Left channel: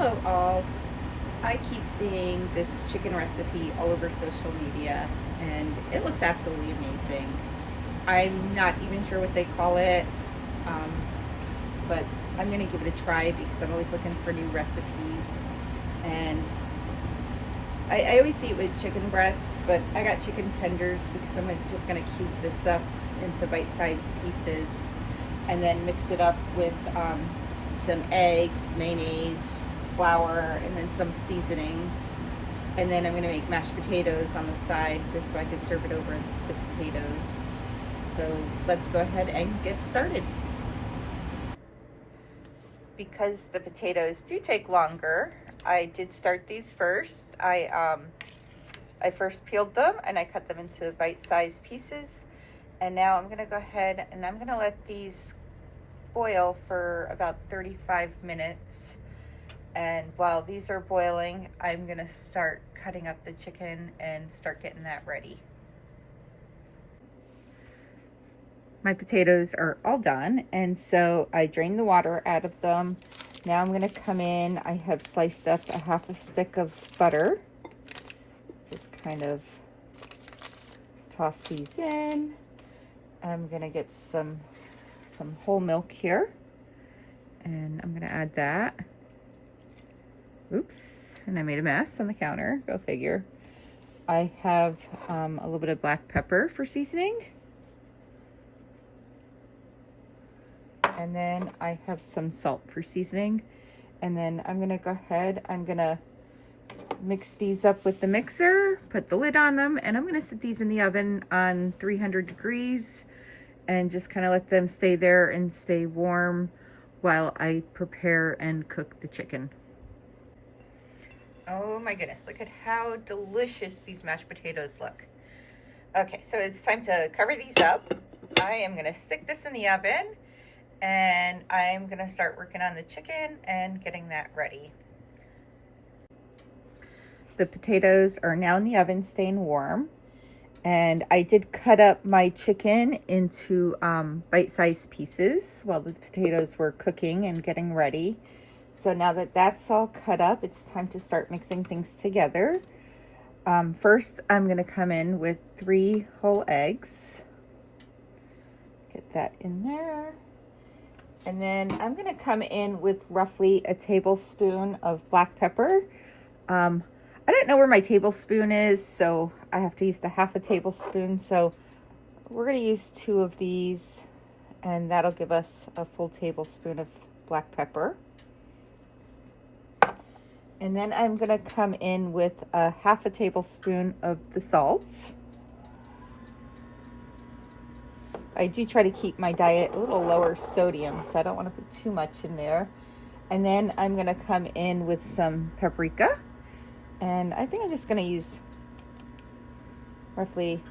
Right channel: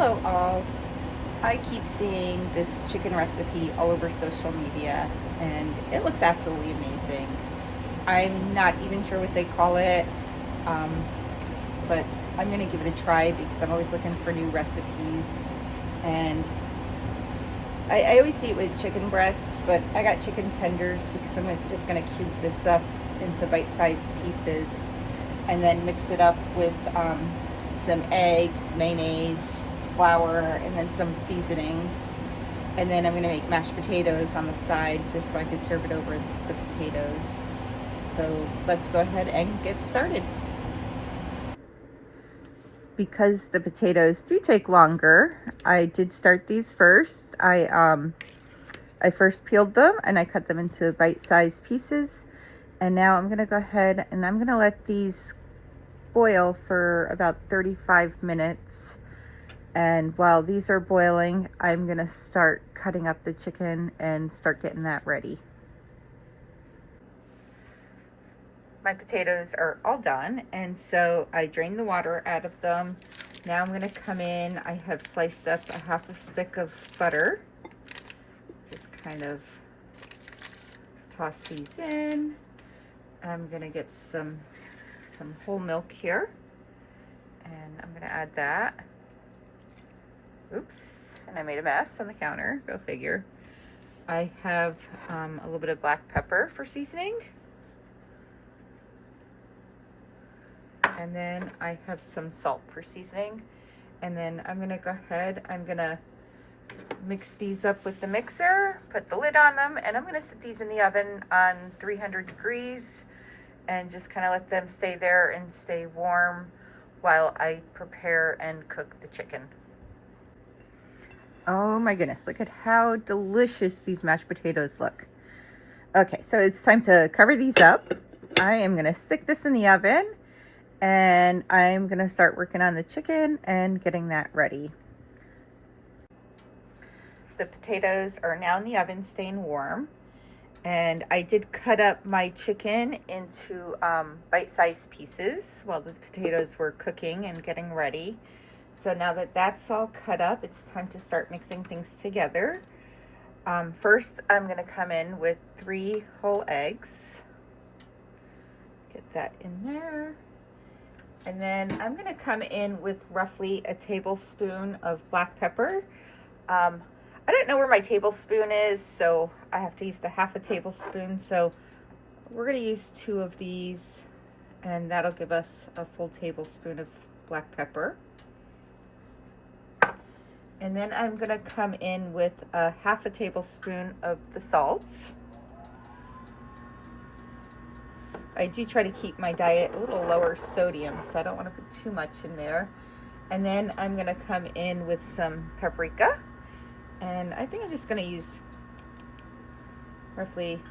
Hello all. I keep seeing this chicken recipe all over social media and it looks absolutely amazing. I'm not even sure what they call it, um, but I'm going to give it a try because I'm always looking for new recipes. And I always eat with chicken breasts, but I got chicken tenders because I'm just going to cube this up into bite-sized pieces and then mix it up with some eggs, mayonnaise, flour, and then some seasonings. And then I'm going to make mashed potatoes on the side just so I can serve it over the potatoes. So let's go ahead and get started. Because the potatoes do take longer, I did start these first. I first peeled them and I cut them into bite-sized pieces. And now I'm going to go ahead and I'm going to let these boil for about 35 minutes. And while these are boiling, I'm going to start cutting up the chicken and start getting that ready. My potatoes are all done, and so I drained the water out of them. Now I'm going to come in. I have sliced up a half a stick of butter. Just kind of toss these in. I'm going to get some whole milk here, and I'm going to add that. Oops, and I made a mess on the counter. Go figure. I have a little bit of black pepper for seasoning. And then I have some salt for seasoning. And then I'm gonna go ahead, I'm gonna mix these up with the mixer, put the lid on them, and I'm gonna set these in the oven on 300 degrees and just kind of let them stay there and stay warm while I prepare and cook the chicken. Oh my goodness, look at how delicious these mashed potatoes look. Okay, so it's time to cover these up. I am gonna stick this in the oven and I'm gonna start working on the chicken and getting that ready. The potatoes are now in the oven staying warm, and I did cut up my chicken into bite-sized pieces while the potatoes were cooking and getting ready. So now that that's all cut up, it's time to start mixing things together. First, I'm gonna come in with 3 whole eggs. Get that in there. And then I'm gonna come in with roughly a tablespoon of black pepper. I don't know where my tablespoon is, so I have to use the half a tablespoon. So we're gonna use 2 of these, and that'll give us a full tablespoon of black pepper. And then I'm gonna come in with a half a tablespoon of the salt. I do try to keep my diet a little lower sodium, so I don't want to put too much in there. And then I'm going to come in with some paprika. And I think I'm just going to use roughly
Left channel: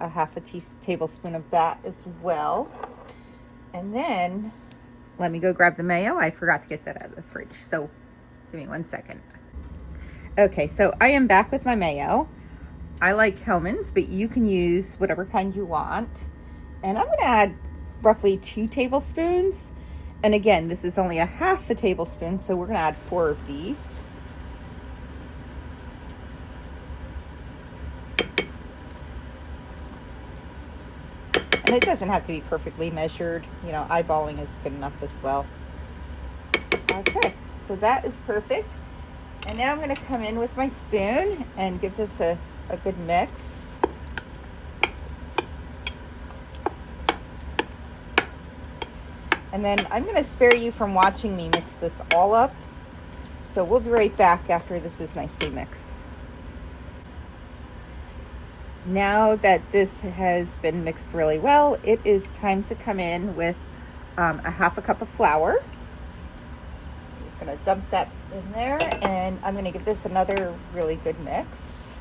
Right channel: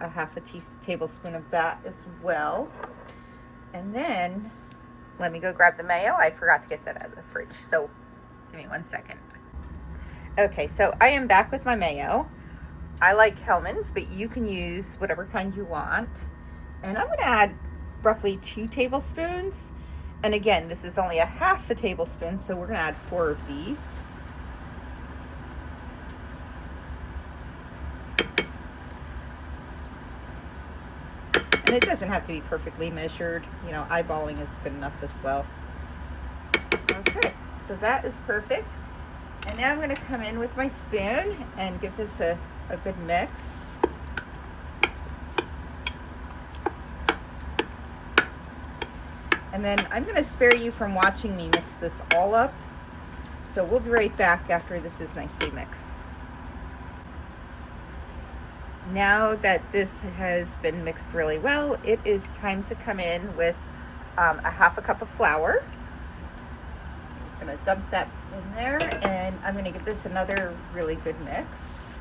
a half a tablespoon of that as well. And then let me go grab the mayo. I forgot to get that out of the fridge, so give me 1 second. Okay, so I am back with my mayo. I like Hellmann's, but you can use whatever kind you want. And I'm gonna add roughly 2 tablespoons. And again, this is only a half a tablespoon, so we're gonna add 4 of these. And it doesn't have to be perfectly measured. You know, eyeballing is good enough as well. Okay, so that is perfect. And now I'm gonna come in with my spoon and give this a good mix. And then I'm going to spare you from watching me mix this all up. So we'll be right back after this is nicely mixed. Now that this has been mixed really well, it is time to come in with a half a cup of flour. I'm just going to dump that in there, and I'm going to give this another really good mix.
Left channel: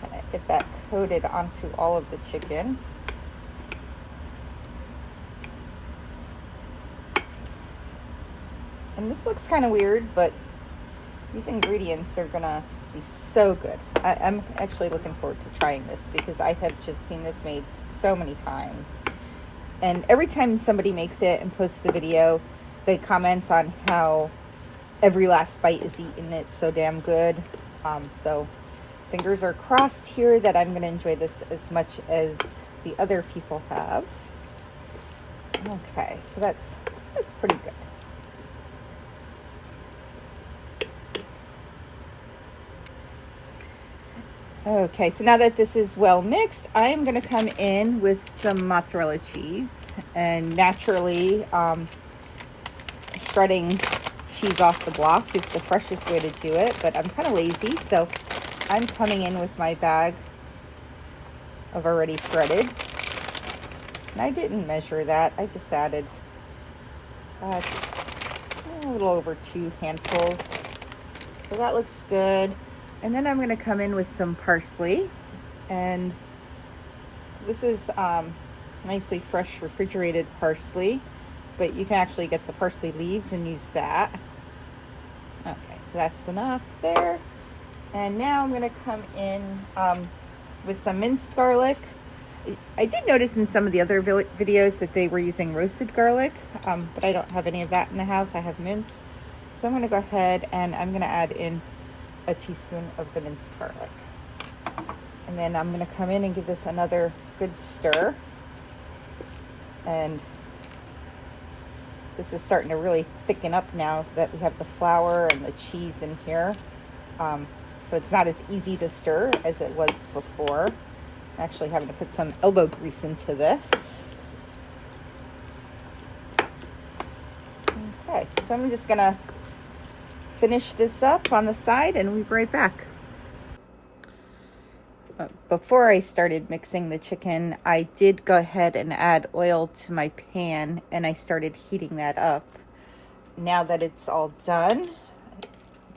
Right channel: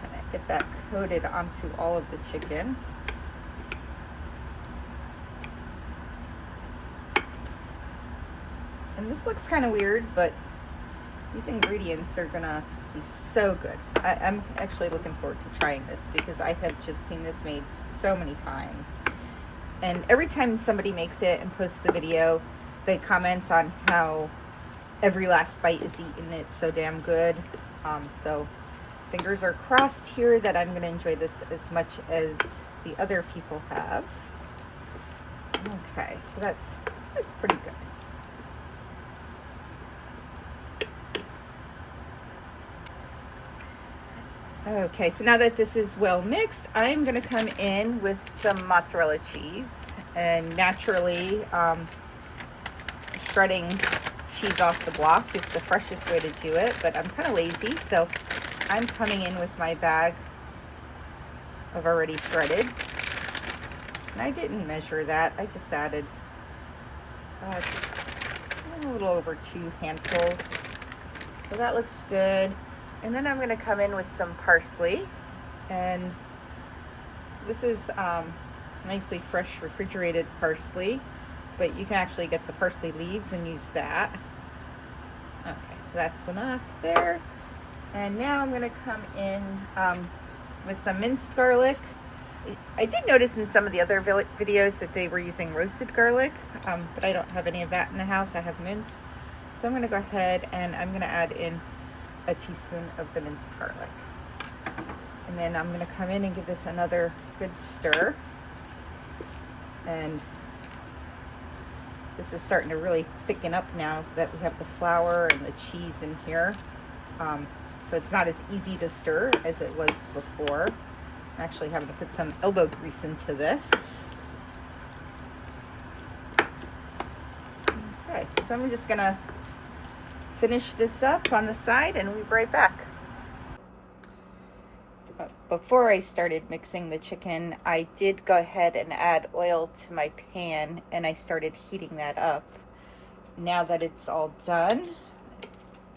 Kind of get that coated onto all of the chicken. And this looks kind of weird, but these ingredients are gonna be so good. I'm actually looking forward to trying this because I have just seen this made so many times. And every time somebody makes it and posts the video, they comment on how every last bite is eaten. It's so damn good. So fingers are crossed here that I'm going to enjoy this as much as the other people have. Okay, so that's pretty good. Okay, so now that this is well mixed, I am going to come in with some mozzarella cheese. And naturally, shredding cheese off the block is the freshest way to do it, but I'm kind of lazy, so I'm coming in with my bag of already shredded. And I didn't measure that, I just added a little over 2 handfuls. So that looks good. And then I'm going to come in with some parsley, and this is nicely fresh refrigerated parsley, but you can actually get the parsley leaves and use that. Okay, so that's enough there. And now I'm going to come in with some minced garlic. I did notice in some of the other videos that they were using roasted garlic, but I don't have any of that in the house. I have minced. So I'm going to go ahead and I'm going to add in a teaspoon of the minced garlic. And then I'm going to come in and give this another good stir. And this is starting to really thicken up now that we have the flour and the cheese in here. So it's not as easy to stir as it was before. I'm actually having to put some elbow grease into this. Okay, so I'm just gonna finish this up on the side and we'll be right back. Before I started mixing the chicken, I did go ahead and add oil to my pan and I started heating that up. Now that it's all done,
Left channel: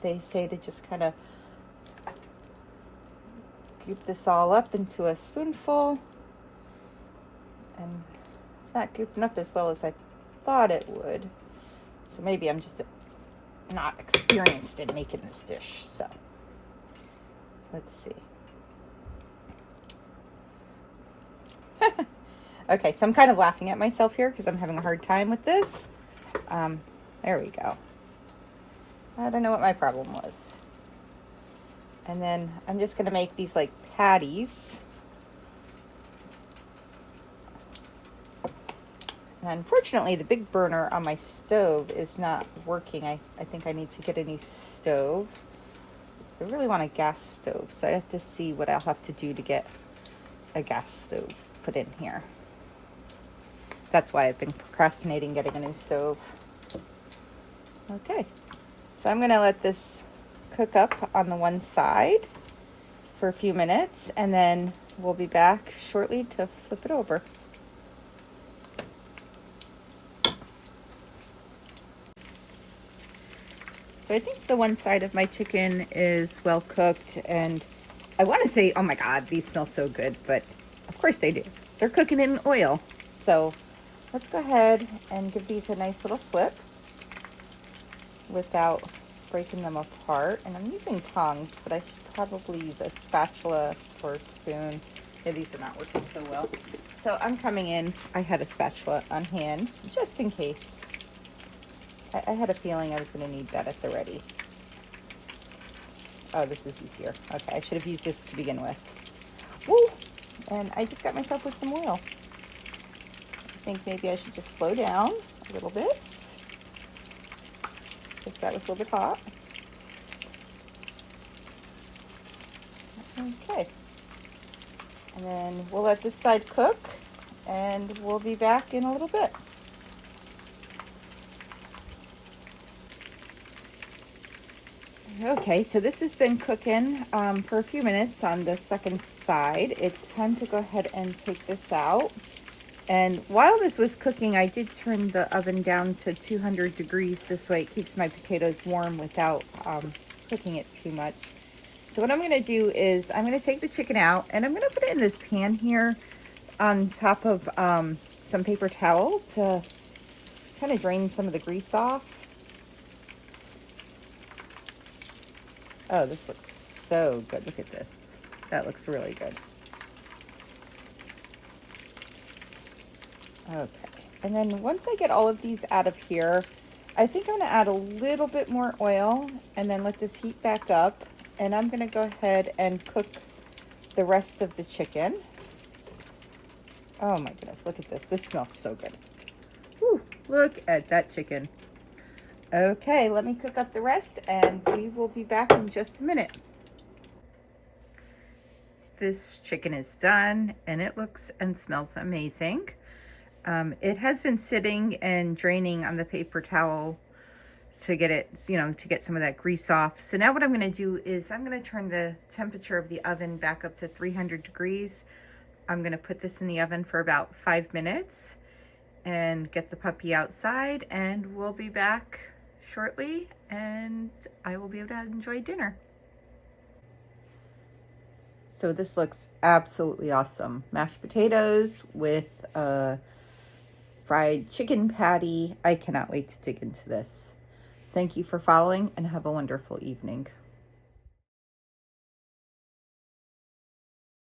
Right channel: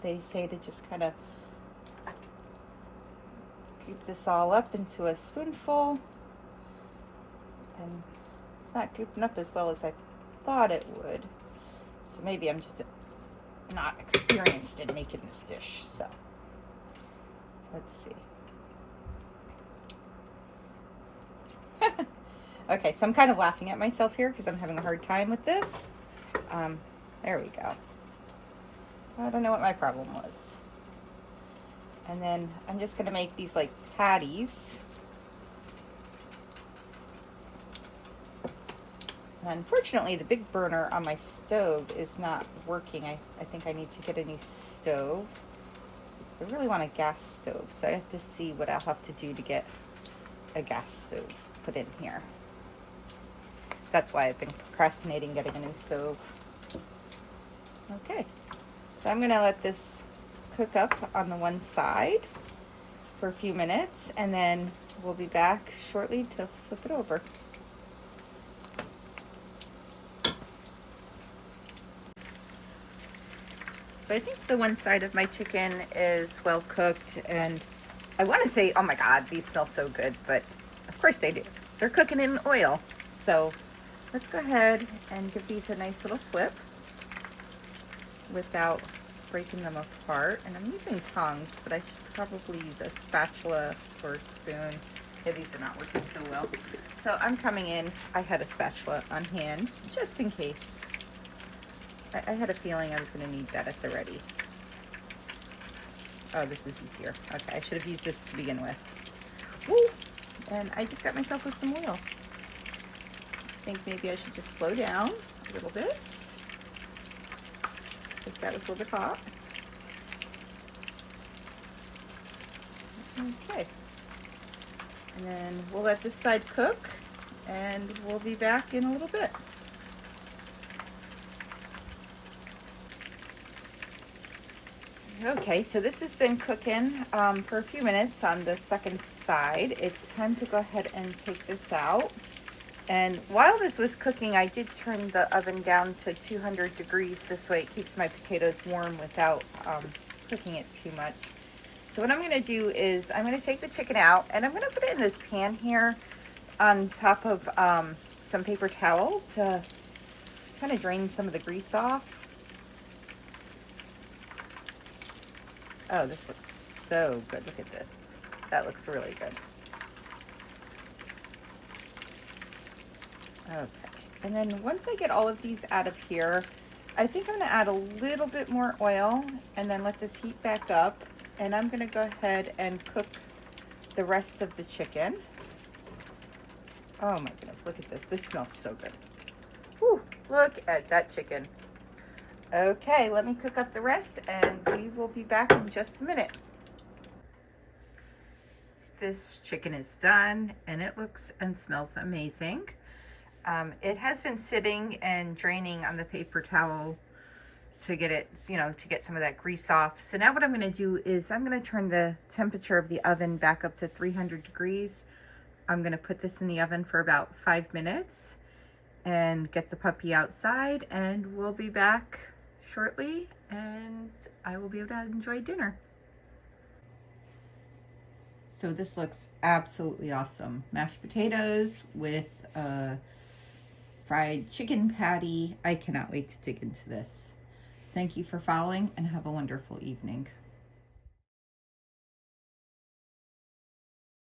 they say to just kind of scoop this all up into a spoonful. And it's not gooping up as well as I thought it would. So maybe I'm just not experienced in making this dish. So let's see. Okay, so I'm kind of laughing at myself here because I'm having a hard time with this. There we go. I don't know what my problem was. And then I'm just going to make these like patties. And unfortunately, the big burner on my stove is not working. I think I need to get a new stove. I really want a gas stove, so I have to see what I'll have to do to get a gas stove put in here. That's why I've been procrastinating getting a new stove. Okay, so I'm gonna let this cook up on the one side for a few minutes, and then we'll be back shortly to flip it over. So I think the one side of my chicken is well cooked, and I want to say, oh my God, these smell so good, but of course they do. They're cooking in oil. So let's go ahead and give these a nice little flip without breaking them apart. And I'm using tongs, but I should probably use a spatula or a spoon. Yeah, these are not working so well. So I'm coming in, I had a spatula on hand, just in case. I had a feeling I was going to need that at the ready. Oh, this is easier. Okay, I should have used this to begin with. Woo! And I just got myself with some oil. I think maybe I should just slow down a little bit, because that was a little bit hot. Okay. And then we'll let this side cook, and we'll be back in a little bit. Okay, so this has been cooking for a few minutes on the second side. It's time to go ahead and take this out. And while this was cooking, I did turn the oven down to 200 degrees. This way it keeps my potatoes warm without cooking it too much. So what I'm going to do is I'm going to take the chicken out, and I'm going to put it in this pan here on top of some paper towel to kind of drain some of the grease off. Oh, this looks so good. Look at this. That looks really good. Okay. And then once I get all of these out of here, I think I'm gonna add a little bit more oil and then let this heat back up. And I'm gonna go ahead and cook the rest of the chicken. Oh my goodness, look at this. This smells so good. Ooh, look at that chicken. Okay, let me cook up the rest and we will be back in just a minute. This chicken is done and it looks and smells amazing. It has been sitting and draining on the paper towel to get it, you know, to get some of that grease off. So now what I'm going to do is I'm going to turn the temperature of the oven back up to 300 degrees. I'm going to put this in the oven for about 5 minutes and get the puppy outside, and we'll be back shortly and I will be able to enjoy dinner. So this looks absolutely awesome. Mashed potatoes with a fried chicken patty. I cannot wait to dig into this. Thank you for following and have a wonderful evening.